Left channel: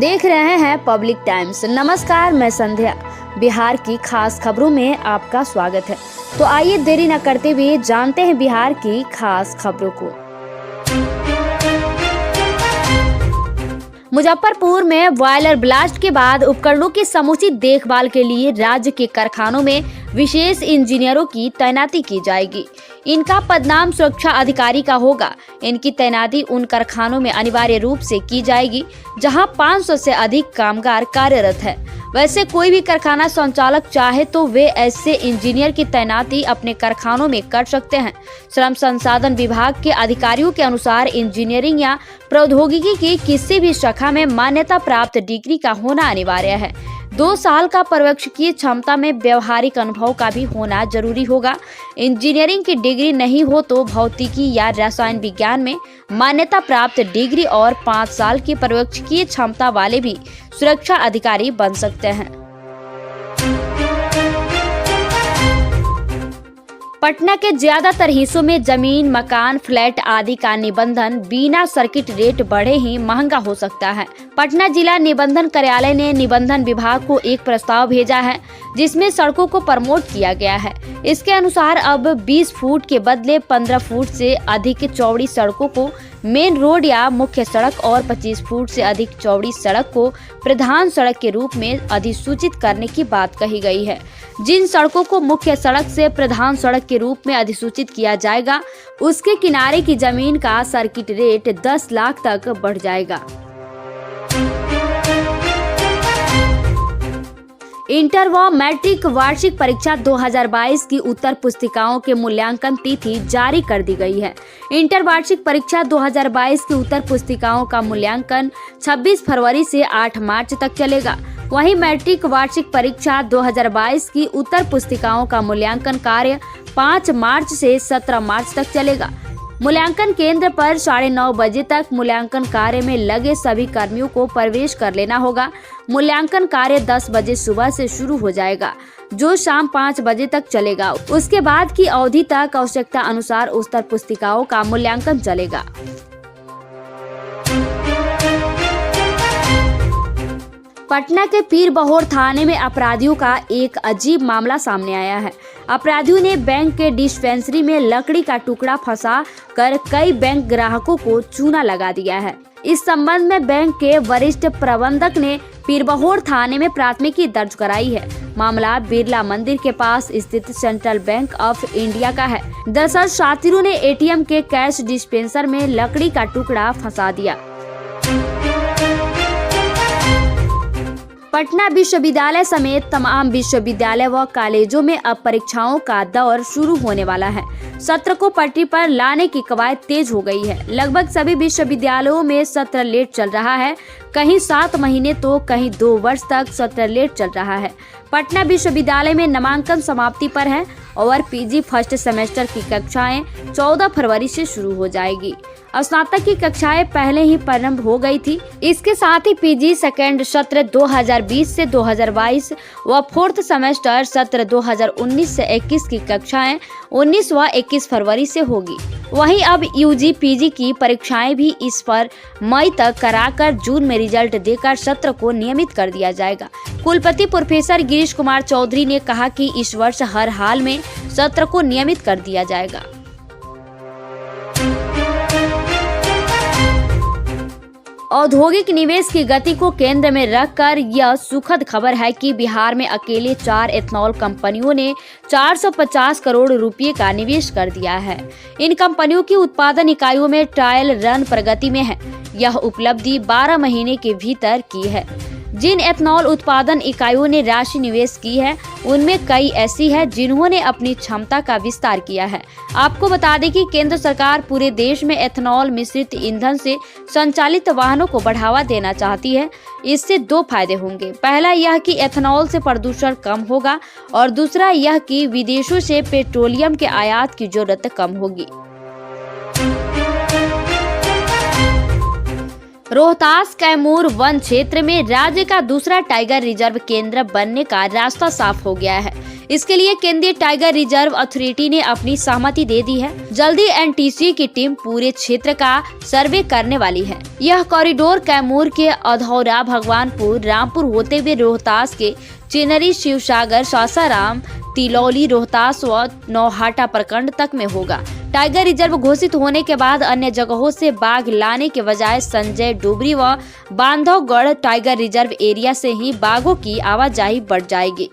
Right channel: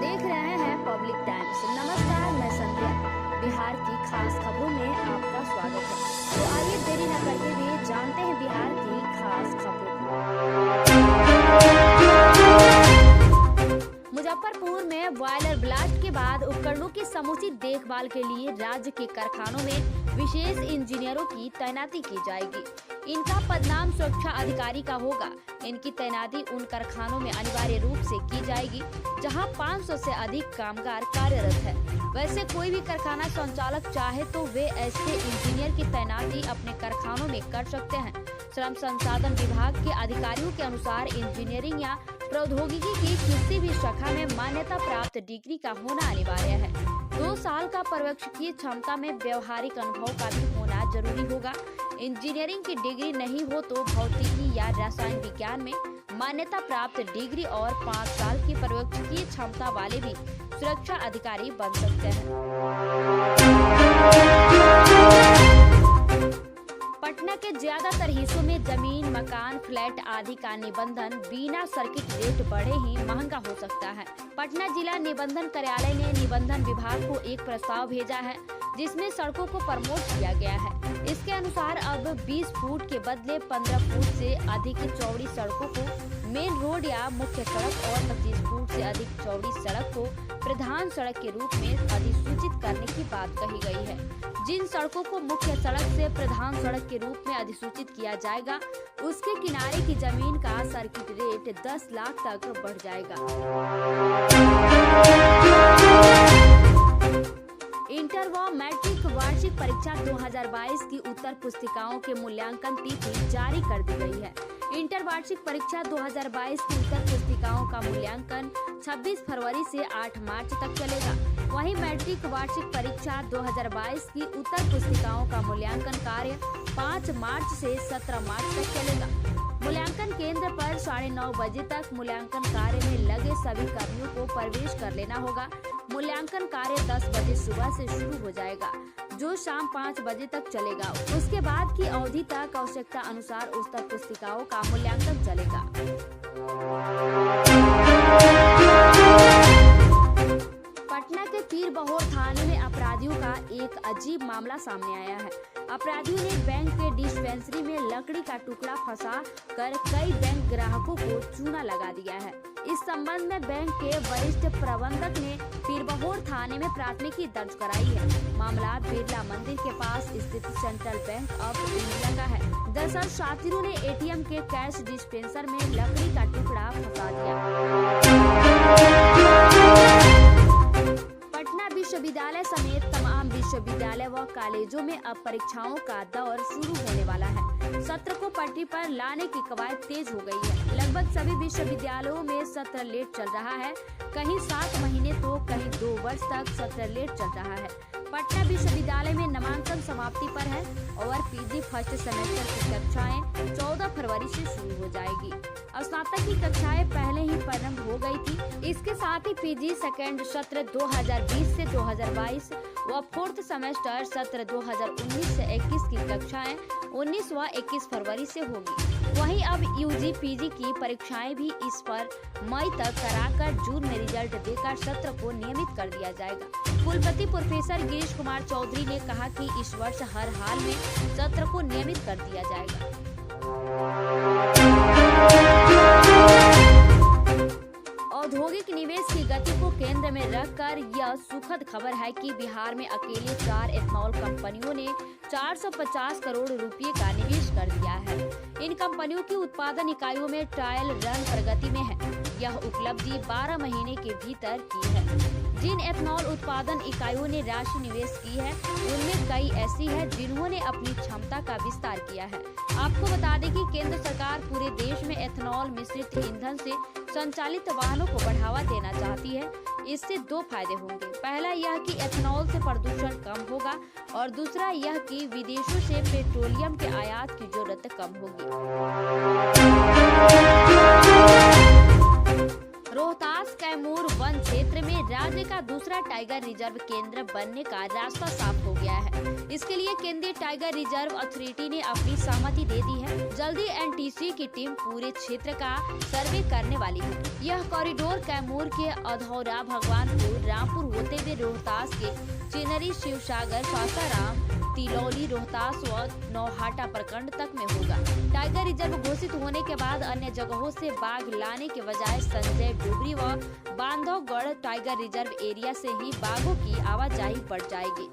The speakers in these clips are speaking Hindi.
देख रहे हैं पब्लिक टाइम्स। नमस्कार, मैं संध्या। बिहार की खास खबरों में आपका स्वागत है। तो आइए देरी न करते हुए जानते हैं बिहार की खास खबरों को। मुजफ्फरपुर में बॉयलर ब्लास्ट के बाद उपकरणों की समुचित देखभाल के लिए राज्य के कारखानों में विशेष इंजीनियरों की तैनाती की जाएगी। इनका पदनाम सुरक्षा अधिकारी का होगा। इनकी तैनाती उन कारखानों में अनिवार्य रूप से की जाएगी जहां 500 से अधिक कामगार कार्यरत है। वैसे कोई भी कारखाना संचालक चाहे तो वे ऐसे इंजीनियर की तैनाती अपने कारखानों में कर सकते हैं। श्रम संसाधन विभाग के अधिकारियों के अनुसार इंजीनियरिंग या प्रौद्योगिकी की किसी भी शाखा में मान्यता प्राप्त डिग्री का होना अनिवार्य है। 2 साल का पर्यवेक्षकीय क्षमता में व्यवहारिक अनुभव का भी होना जरूरी होगा। इंजीनियरिंग की डिग्री नहीं हो तो भौतिकी या रसायन विज्ञान में मान्यता प्राप्त डिग्री और 5 साल की पर्यवेक्षकीय क्षमता वाले भी सुरक्षा अधिकारी बन सकते हैं। पटना के ज्यादातर हिस्सों में जमीन, मकान, फ्लैट आदि का निबंधन बिना सर्किट रेट बढ़े ही महंगा हो सकता है। पटना जिला निबंधन कार्यालय ने निबंधन विभाग को एक प्रस्ताव भेजा है जिसमें सड़कों को प्रमोट किया गया है। इसके अनुसार अब 20 फुट के बदले 15 फुट से अधिक चौड़ी सड़कों को मेन रोड या मुख्य सड़क और 25 फुट से अधिक चौड़ी सड़क को प्रधान सड़क के रूप में अधिसूचित करने की बात कही गई है। जिन सड़कों को मुख्य सड़क से प्रधान सड़क के रूप में अधिसूचित किया जाएगा उसके किनारे की जमीन का सर्किट रेट 10 लाख तक बढ़ जाएगा। इंटर व मैट्रिक वार्षिक परीक्षा 2022 की उत्तर पुस्तिकाओं के मूल्यांकन तिथि जारी कर दी गई है। इंटर वार्षिक परीक्षा 2022 की उत्तर पुस्तिकाओं का मूल्यांकन 26 फरवरी से 8 मार्च तक चलेगा। वहीं मैट्रिक वार्षिक परीक्षा 2022 की उत्तर पुस्तिकाओं का मूल्यांकन कार्य 5 मार्च से 17 मार्च तक चलेगा। मूल्यांकन केंद्र पर 9:30 बजे तक मूल्यांकन कार्य में लगे सभी कर्मियों को प्रवेश कर लेना होगा। मूल्यांकन कार्य 10 बजे सुबह से शुरू हो जाएगा जो शाम 5 बजे तक चलेगा। उसके बाद की अवधि तक आवश्यकता अनुसार उत्तर पुस्तिकाओं का मूल्यांकन चलेगा। पटना के पीरबहोर थाने में अपराधियों का एक अजीब मामला सामने आया है। अपराधियों ने बैंक के डिस्पेंसरी में लकड़ी का टुकड़ा फंसा कर कई बैंक ग्राहकों को चूना लगा दिया है। इस संबंध में बैंक के वरिष्ठ प्रबंधक ने पीरबहोर थाने में प्राथमिकी दर्ज कराई है। मामला बिरला मंदिर के पास स्थित सेंट्रल बैंक ऑफ इंडिया का है। दरअसल शातिरों ने एटीएम के कैश डिस्पेंसर में लकड़ी का टुकड़ा फंसा दिया। पटना विश्वविद्यालय समेत तमाम विश्वविद्यालय व कॉलेजों में अब परीक्षाओं का दौर शुरू होने वाला है। सत्र को पटरी पर लाने की कवायद तेज हो गई है। लगभग सभी विश्वविद्यालयों में सत्र लेट चल रहा है। कहीं 7 महीने तो कहीं 2 वर्ष तक सत्र लेट चल रहा है। पटना विश्वविद्यालय में नामांकन समाप्ति पर है और पीजी फर्स्ट सेमेस्टर की कक्षाएं 14 फरवरी से शुरू हो जाएगी। स्नातक की कक्षाएं पहले ही प्रारंभ हो गई थी। इसके साथ ही पीजी सेकेंड सत्र 2020 से 2022 व फोर्थ सेमेस्टर सत्र 2019 से 21 की कक्षाएं 19 व 21 फरवरी से होगी। वहीं अब यूजी पीजी की परीक्षाएं भी इस पर मई तक कराकर जून में रिजल्ट देकर सत्र को नियमित कर दिया जाएगा। कुलपति प्रोफेसर गिरीश कुमार चौधरी ने कहा कि इस वर्ष हर हाल में सत्र को नियमित कर दिया जाएगा। औद्योगिक निवेश की गति को केंद्र में रखकर यह सुखद खबर है कि बिहार में अकेले 4 एथनॉल कंपनियों ने 450 करोड़ रुपए का निवेश कर दिया है। इन कंपनियों की उत्पादन इकाइयों में ट्रायल रन प्रगति में है। यह उपलब्धि 12 महीने के भीतर की है। जिन एथनॉल उत्पादन इकाइयों ने राशि निवेश की है उनमें कई ऐसी है जिन्होंने अपनी क्षमता का विस्तार किया है। आपको बता दें कि केंद्र सरकार पूरे देश में एथनॉल मिश्रित ईंधन से संचालित वाहनों को बढ़ावा देना चाहती है। इससे 2 फायदे होंगे। पहला यह कि एथनॉल से प्रदूषण कम होगा और दूसरा यह कि विदेशों से पेट्रोलियम के आयात की जरूरत कम होगी। रोहतास कैमूर वन क्षेत्र में राज्य का दूसरा टाइगर रिजर्व केंद्र बनने का रास्ता साफ हो गया है। इसके लिए केंद्रीय टाइगर रिजर्व अथॉरिटी ने अपनी सहमति दे दी है। जल्दी एनटीसी की टीम पूरे क्षेत्र का सर्वे करने वाली है। यह कॉरिडोर कैमूर के अधौरा, भगवानपुर, रामपुर होते हुए रोहतास के चिनरी, शिवसागर, सासाराम, तिलौली, रोहतास व नौहाटा प्रखंड तक में होगा। टाइगर रिजर्व घोषित होने के बाद अन्य जगहों से बाघ लाने के बजाय संजय डोबरी व बांधवगढ़ टाइगर रिजर्व एरिया से ही बाघों की आवाजाही बढ़ जाएगी।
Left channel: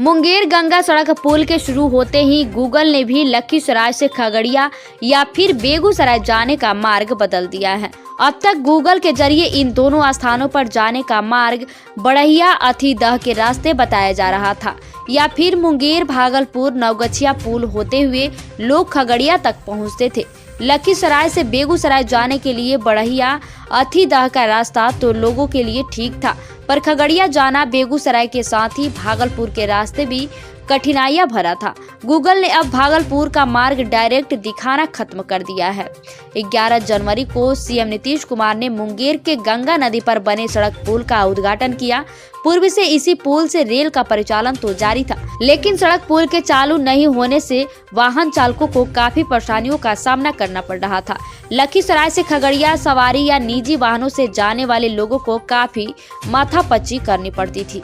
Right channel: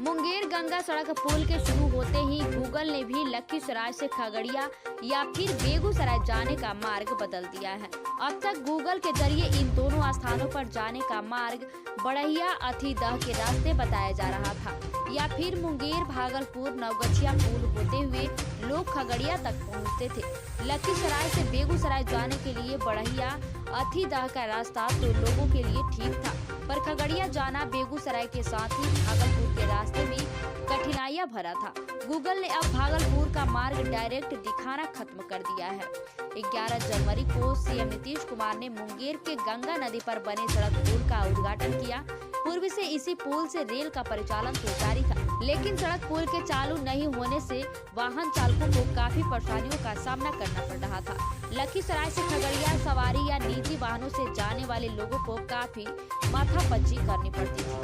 मुंगेर गंगा सड़क पुल के शुरू होते ही गूगल ने भी लखीसराय से खगड़िया या फिर बेगूसराय जाने का मार्ग बदल दिया है। अब तक गूगल के जरिए इन दोनों स्थानों पर जाने का मार्ग बड़हिया अथीदह के रास्ते बताया जा रहा था, या फिर मुंगेर, भागलपुर, नवगछिया पुल होते हुए लोग खगड़िया तक पहुंचते थे। लखीसराय से बेगूसराय जाने के लिए बड़हिया अथीदह का रास्ता तो लोगों के लिए ठीक था, पर खगड़िया जाना बेगूसराय के साथ ही भागलपुर के रास्ते भी कठिनाइयां भरा था। गूगल ने अब भागलपुर का मार्ग डायरेक्ट दिखाना खत्म कर दिया है। 11 जनवरी को सीएम नीतीश कुमार ने मुंगेर के गंगा नदी पर बने सड़क पुल का उद्घाटन किया। पूर्व से इसी पुल से रेल का परिचालन तो जारी था, लेकिन सड़क पुल के चालू नहीं होने से वाहन चालकों को काफी परेशानियों का सामना करना पड़ रहा था। लखीसराय से खगड़िया सवारी या निजी वाहनों से जाने वाले लोगों को काफी माथापच्ची करनी पड़ती थी।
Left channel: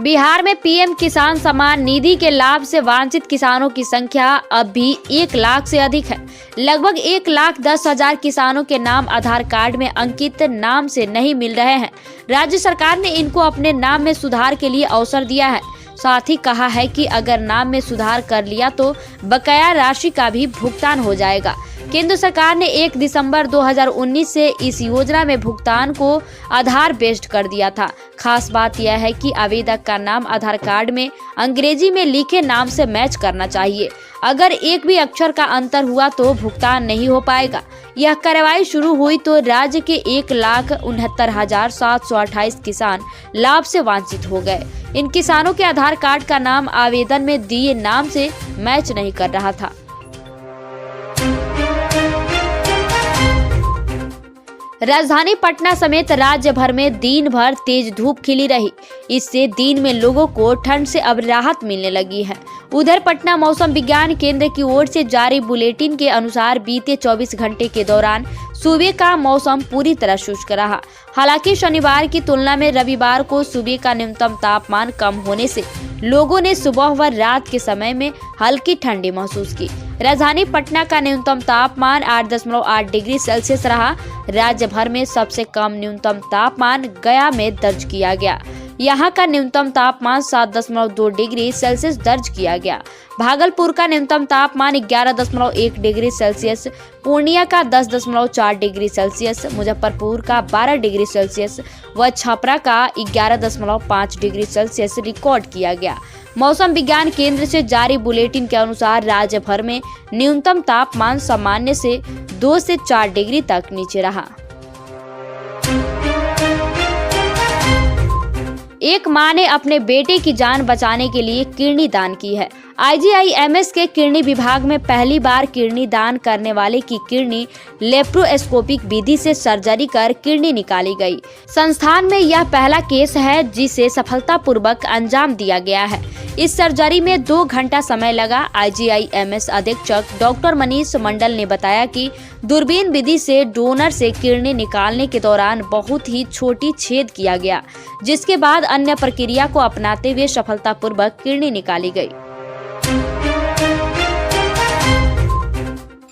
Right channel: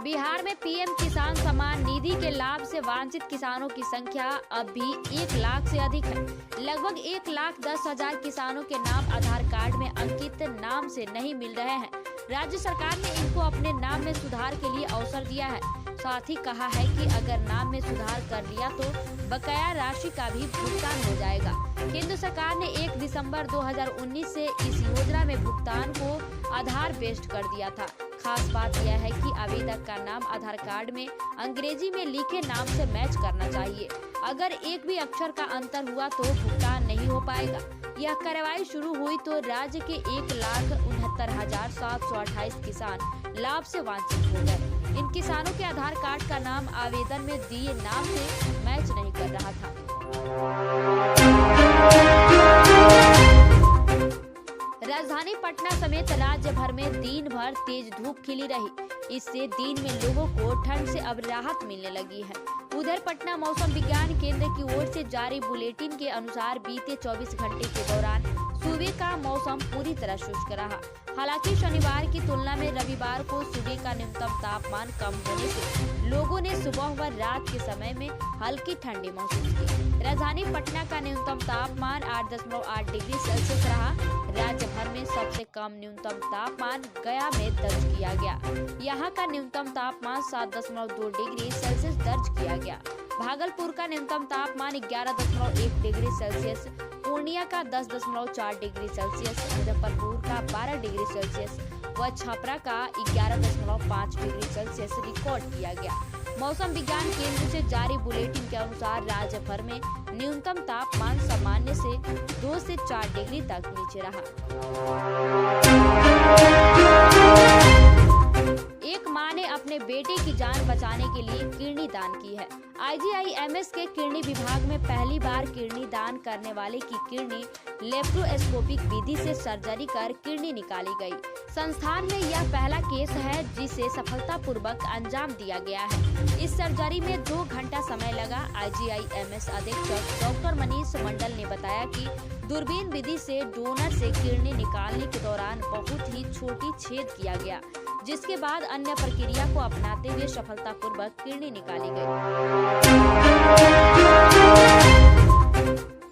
बिहार में पीएम किसान सम्मान निधि के लाभ से वंचित किसानों की संख्या अब भी 1 लाख से अधिक है। लगभग 1,10,000 किसानों के नाम आधार कार्ड में अंकित नाम से नहीं मिल रहे हैं। राज्य सरकार ने इनको अपने नाम में सुधार के लिए अवसर दिया है। साथ ही कहा है कि अगर नाम में सुधार कर लिया तो बकाया राशि का भी भुगतान हो जाएगा। केंद्र सरकार ने 1 दिसंबर 2019 से इस योजना में भुगतान को आधार बेस्ड कर दिया था। खास बात यह है कि आवेदक का नाम आधार कार्ड में अंग्रेजी में लिखे नाम से मैच करना चाहिए। अगर एक भी अक्षर का अंतर हुआ तो भुगतान नहीं हो पाएगा। यह कार्रवाई शुरू हुई तो राज्य के 1,69,728 किसान लाभ से वंचित हो गए। इन किसानों के आधार कार्ड का नाम आवेदन में दिए नाम से मैच नहीं कर रहा था। राजधानी पटना समेत राज्य भर में दिन भर तेज धूप खिली रही। इससे दिन में लोगों को ठंड से अब राहत मिलने लगी है। उधर पटना मौसम विज्ञान केंद्र की ओर से जारी बुलेटिन के अनुसार बीते 24 घंटे के दौरान सुबह का मौसम पूरी तरह शुष्क रहा। हालांकि शनिवार की तुलना में रविवार को सुबह का न्यूनतम तापमान कम होने से लोगों ने सुबह व रात के समय में हल्की ठंडी महसूस की। राजधानी पटना का न्यूनतम तापमान 8.8 डिग्री सेल्सियस रहा। राज्य भर में सबसे कम न्यूनतम तापमान गया में दर्ज किया गया। यहाँ का न्यूनतम तापमान 7.2 डिग्री सेल्सियस दर्ज किया गया। भागलपुर का न्यूनतम तापमान 11.1 डिग्री सेल्सियस, पूर्णिया का 10.4 डिग्री सेल्सियस, मुजफ्फरपुर का 12 डिग्री सेल्सियस व छपरा का 11.5 डिग्री सेल्सियस रिकॉर्ड किया गया। मौसम विज्ञान केंद्र से जारी बुलेटिन के अनुसार राज्य भर में न्यूनतम तापमान सामान्य से 2 से 4 डिग्री तक नीचे रहा। एक मां ने अपने बेटे की जान बचाने के लिए किडनी दान की है। IGIMS के किडनी विभाग में पहली बार किडनी दान करने वाले की किडनी लेप्रोस्कोपिक विधि से सर्जरी कर किडनी निकाली गई। संस्थान में यह पहला केस है जिसे सफलतापूर्वक अंजाम दिया गया है। इस सर्जरी में 2 घंटा समय लगा। IGIMS अधीक्षक डॉक्टर मनीष मंडल ने बताया कि दूरबीन विधि से डोनर से किडनी निकालने के दौरान बहुत ही छोटी छेद किया गया, जिसके बाद अन्य प्रक्रिया को अपनाते हुए सफलतापूर्वक किडनी निकाली गई।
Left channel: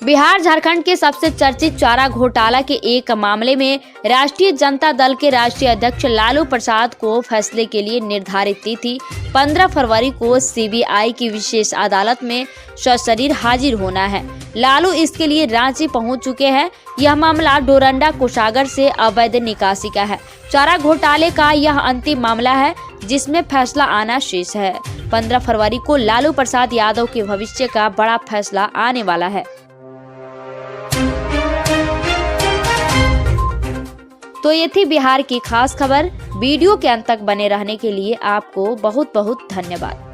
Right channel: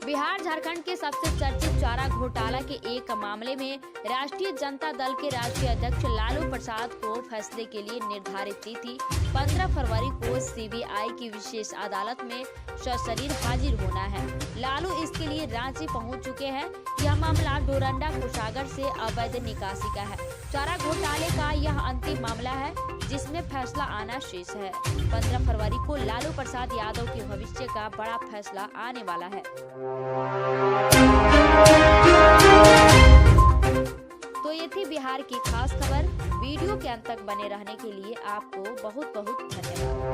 बिहार झारखंड के सबसे चर्चित चारा घोटाला के एक मामले में राष्ट्रीय जनता दल के राष्ट्रीय अध्यक्ष लालू प्रसाद को फैसले के लिए निर्धारित तिथि 15 फरवरी को CBI की विशेष अदालत में सशरीर हाजिर होना है। लालू इसके लिए रांची पहुंच चुके हैं। यह मामला डोरंडा कोषागार से अवैध निकासी का है। चारा घोटाले का यह अंतिम मामला है जिसमें फैसला आना शेष है। 15 फरवरी को लालू प्रसाद यादव के भविष्य का बड़ा फैसला आने वाला है। तो ये थी बिहार की खास खबर। वीडियो के अंत तक बने रहने के लिए आपको बहुत बहुत धन्यवाद।